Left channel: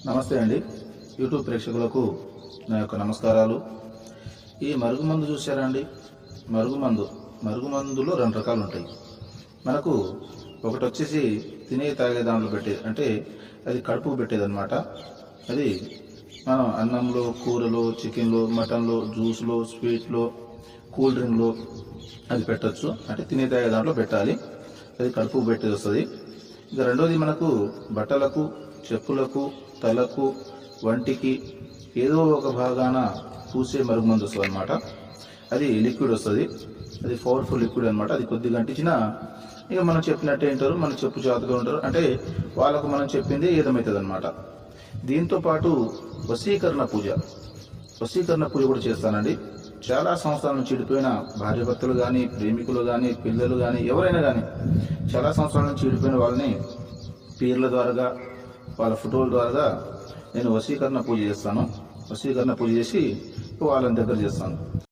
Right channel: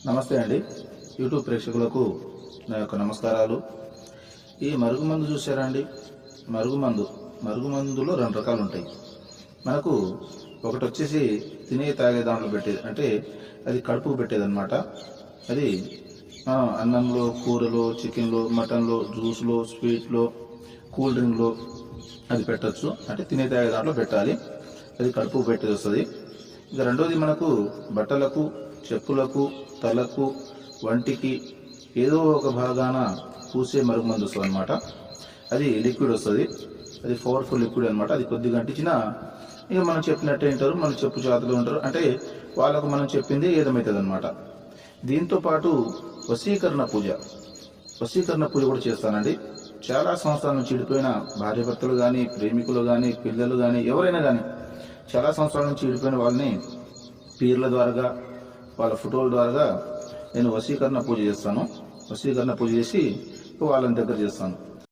నమస్తే అండి. యూట్యూబ్ ప్రేక్షకులకు నా యొక్క నమస్కారాలు. ఈ మరుగుమందు చూసారా అండి? మరుగుమందులో రెండు రకాలు ఉంటాయి. మనకు ఒకటి వచ్చేసి తినే తాగే దాంట్లో పెట్టేది, అంటే అది కడుపుకు పెట్టేదన్నమాట. అది మనం అన్నంలో, కూరలో, చికెన్లో, మటన్లో, జ్యూస్లో, స్వీట్లో, కూల్ డ్రింక్లో అది పెట్టచ్చు. అంటే తినే తాగే దాంట్లో పెట్టాలి, అది కడుపుకు పెట్టేది వస్తుంది. ఇక రెండోది మనకు బట్టలకు, చెప్పులకు, తలకు, వంటికి ఏదో ఒక భాగాన పూసే మరుగుమందు వస్తుంది అనమాట. అది లిక్విడ్ వస్తుంది, అది పవర్ఫుల్ లిక్విడ్ అనమాట. అది కొద్దిగా అంటించినా ఇక మనం చెప్పినట్టే వింటారు, మన చెప్పు చేతులు ఉంటారు, అంటే వాళ్ళకు మనం చెప్పింది ఏదమవుతుంది అనమాట. దీంతో పాటు వశీకరణ పూజ కూడా చేస్తానండి. చాలా సంవత్సరాల నుంచి విడిపోయిన భార్యాభర్తలు కానీ, ప్రేమికులు కానీ, పిల్లలు కానీ, ఎవరైనా కానీ చాలా సంవత్సరాల నుంచి విడిపోయిన వాళ్ళని పీర్ల ద్వారా, వాళ్ళ ఫోటోల ద్వారా నేను వశీకరణ పూజ చేస్తాను. వశీకరణ పూజ చేసి వాళ్ళని దగ్గర చేస్తాను.